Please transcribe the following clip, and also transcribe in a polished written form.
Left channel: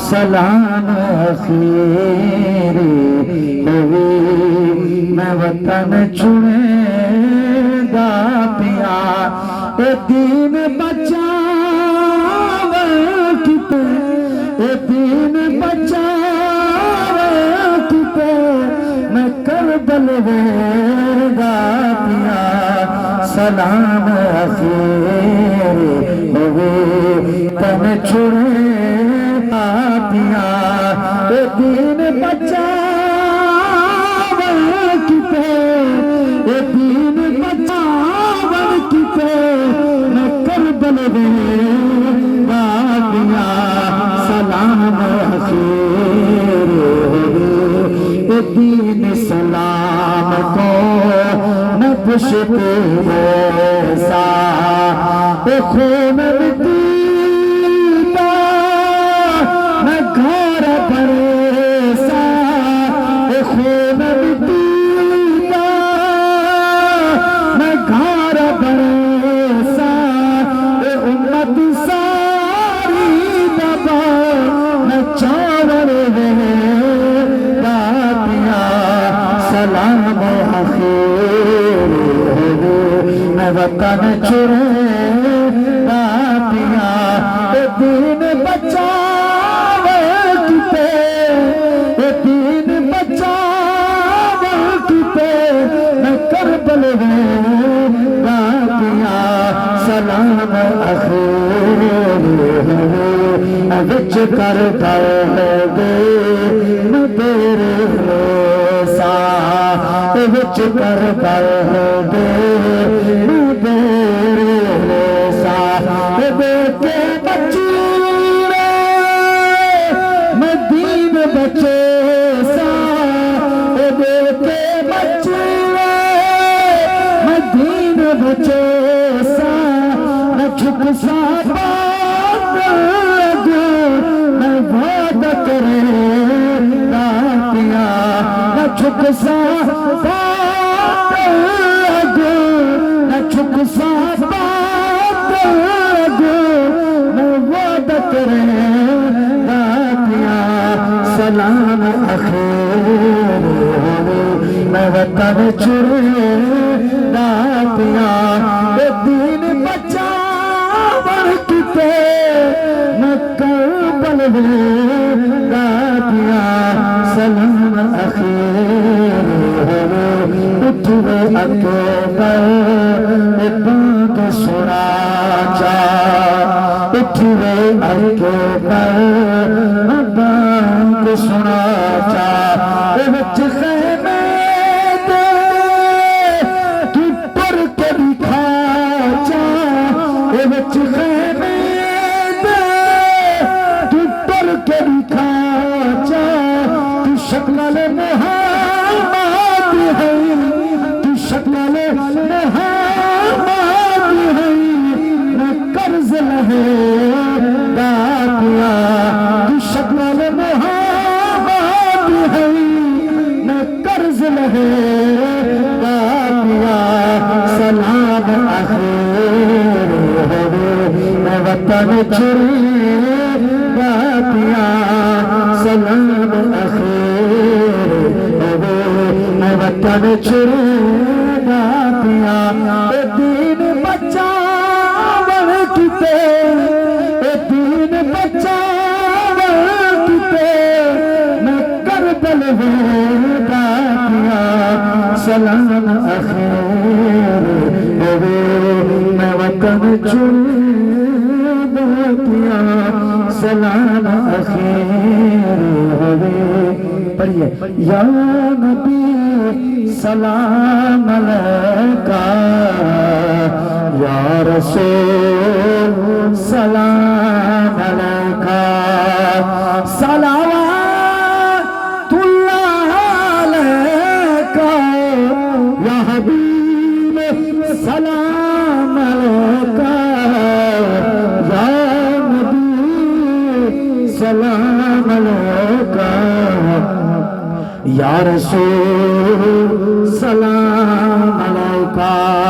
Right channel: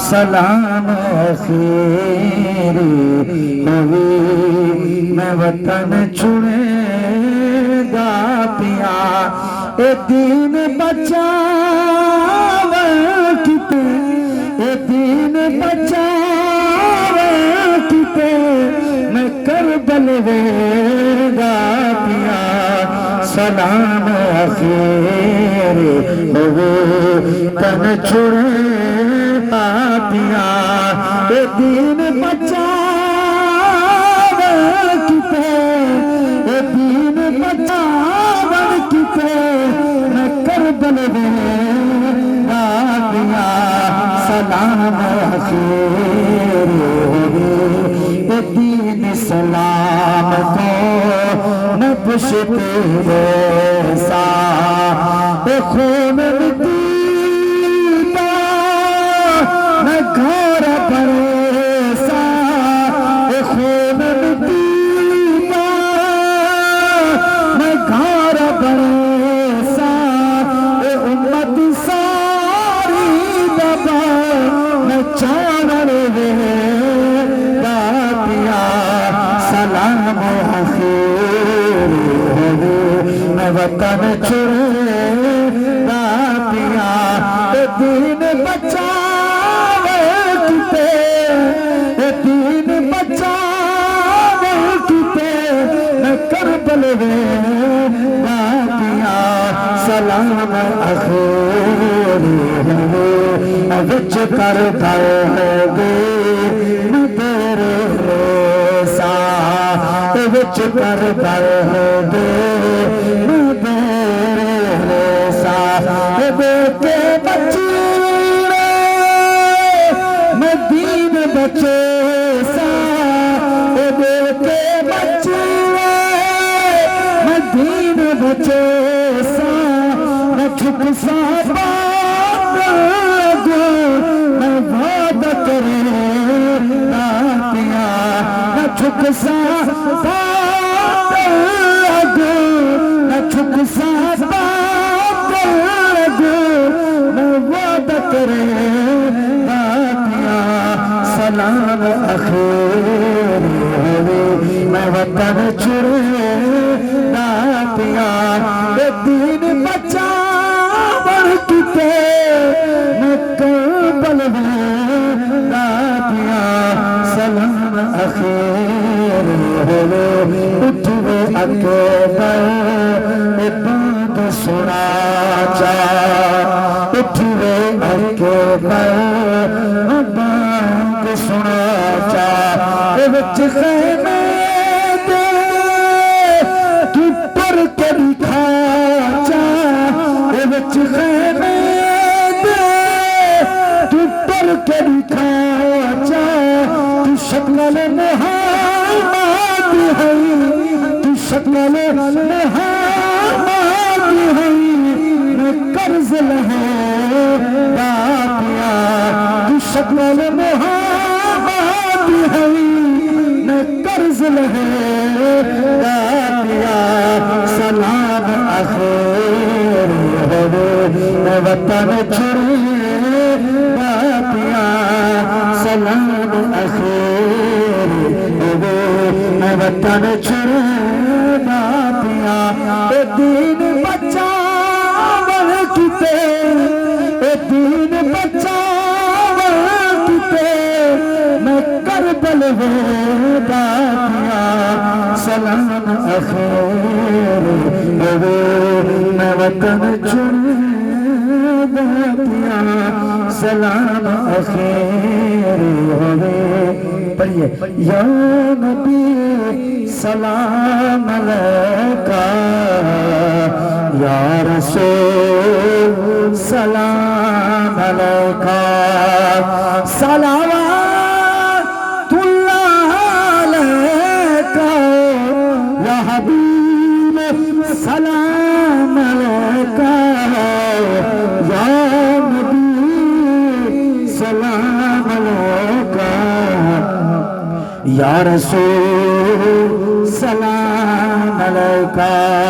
سلام آخری ہوئی میں وطن چھوڑے گا پیا اے دین بچاوے کتے اے دین بچاوے کتے میں کربل ویگا پیا سلام آخری ہوئی تن چھوڑے پیا اے دین بچاوے کتے اے دین بچاوے کتے میں کربل ویگا پیا سلام آخری اے دین سلام کو نہ پشتے ریسا اے خون دیتا نہ گھر پریسا اے خون دیتا نہ گھر پریسا اے امت ساری دبا نہ چاور ویگا پیا سلام آخری میں وطن چھوڑے گا پیا اے دین بچاوے کتے اے دین بچاوے کتے میں کربل ویگا پیا سلام آخری میں وچ کرتا دے نہ تیرے ریسا اے وچ کرتا دے نہ تیرے ریسا اے بے کے بچی میں دین بچے سا اے بے کے بچی میں دین بچے سا نہ جھک سا نہ وعد کرے گا پیا نہ جھک سا نہ جھک سا نہ وعد کرے گا پیا سلام آخری میں وطن چھوڑے گا پیا اے دین بچاوے کتے میں کربل ویگا پیا سلام آخری اٹھوے اکبر اے بات سنا جا اٹھوے اکبر اے بات سنا جا اے وچ خیمے دے تو پر کے دکھا جا اے وچ خیمے دے تو پر کے دکھا جا تو شکل محمد ہے تو شکل محمد ہے میں قرض لہے گا پیا تو شکل محمد ہے میں قرض لہے گا پیا سلام آخری میں وطن چھوڑے گا پیا سلام آخری میں وطن چھوڑے گا پیا اے دین بچاوے کتے اے دین بچاوے کتے میں کربل ویگا پیا سلام آخری میں وطن چھوڑے گا پیا سلام آخری پڑھیے یا نبی سلام علیکہ یا رسول سلام علیکہ صلوات اللہ علیکہ یا حبیب سلام علیکہ یا نبی سلام علیکہ یا رسول سلام علیکہ